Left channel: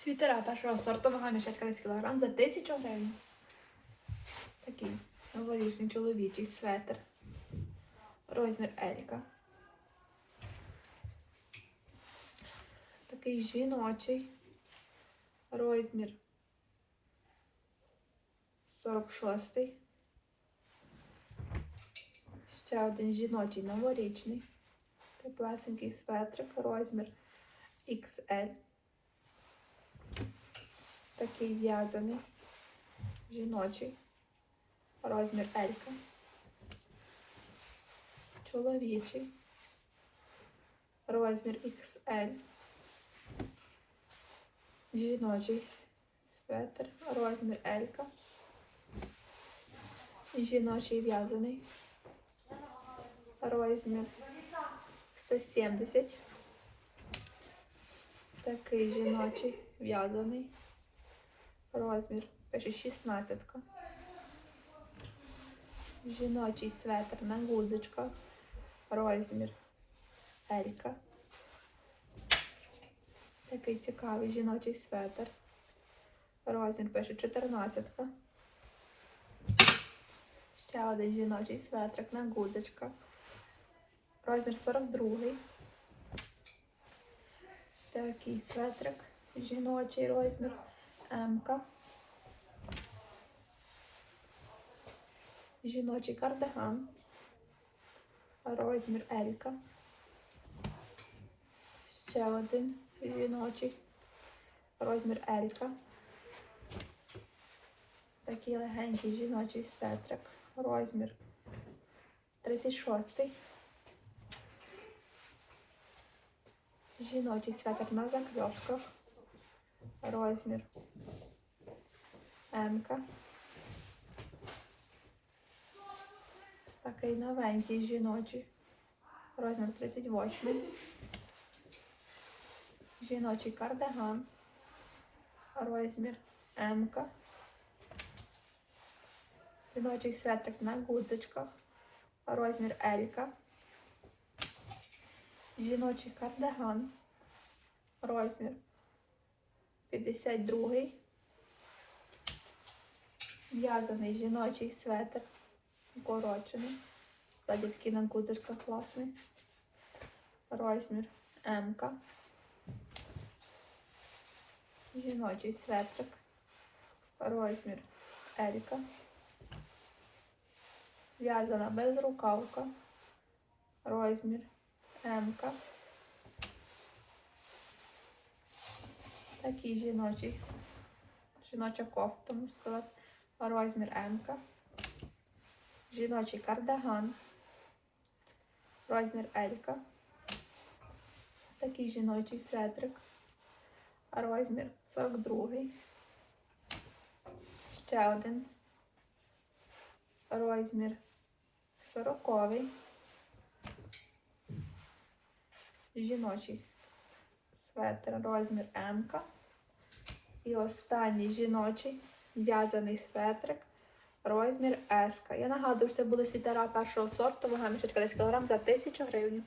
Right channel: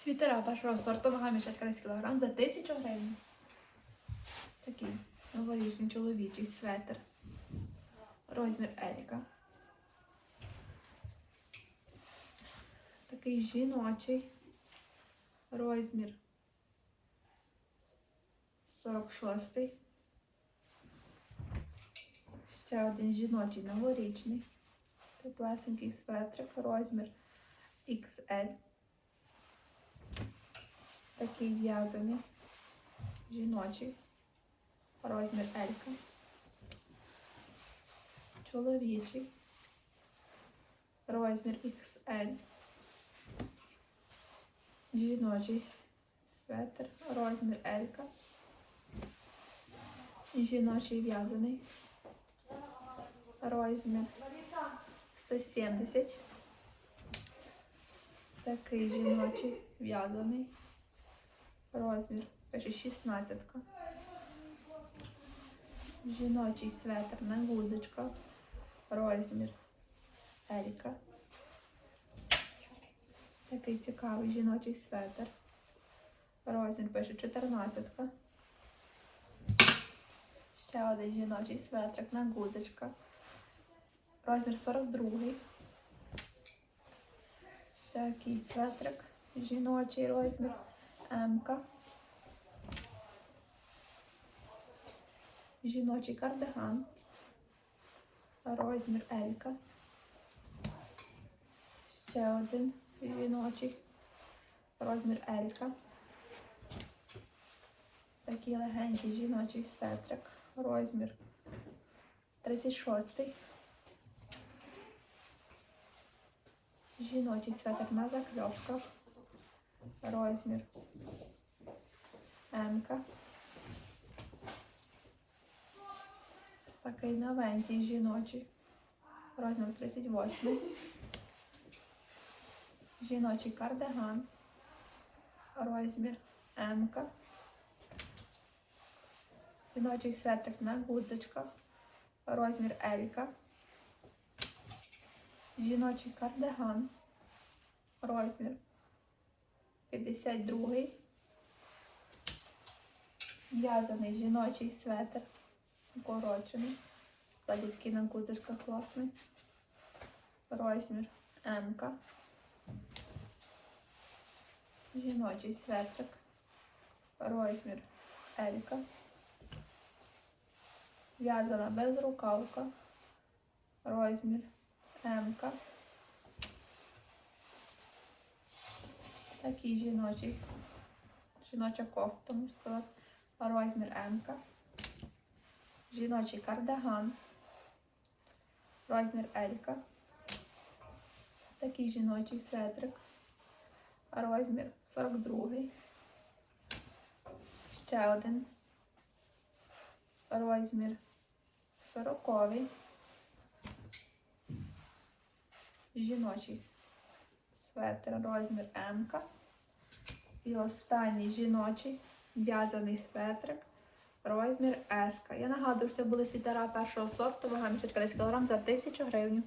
Світера першого сорту, вага мішечка 10 кг за 1000 гривень. Такий новорічний чоловічий светр. Розмір Еріка. Такий жіночий. Розмір 46. Ще один жіночий новорічний. Теплесенький светрик, розмір XL. Такий в'язаний, жіночий, розмір Елька. Чоловічий, розмір XL. Жіночий светр, розмір Елька. Жіночий в'язаний. Розмір 170. Такий жіночий в'язаний. Розмір пише 16. Жіночий светр на гудзичках. Розмір Елька. Такий цікавий жіночий светр. Розмір пише 14. Ще один жіночий светрик на гудзичках. Розмір 42. Такий светрик. Жіночий розмір М. Жіночий кардиган. Розмір L. Ще один жіночий. Розмір L. Такий легенький жіночий светрик. Розмір 36. Жіночий светр на закльопках. Розмір М. Такий новенький жіночий. Розмір 38. Жіночий кардиган. Розмір М. Жіночий светрик на гудзичках. Розмір L. Жіночий кардиган. Розмір 52. В'язаний жіночий светр. Укорочений. Ззаді такий на гудзичках класний. Розмір М. -ка. Жіночий светрик. Розмір L. В'язана безрукавка. Розмір М. Такий жіночий. Жіноча кофта, можна сказати. Розмір М. Жіночий кардиган. Розмір L. Такий жіночий светрик. Розмір 42. Ще один. Розмір 40. Жіночий светр, розмір М. І останній жіночий в'язаний светрик, розмір S. Я нагадую, це були світера першого сорту, вага мішечка 10 кг за 1000 гривень.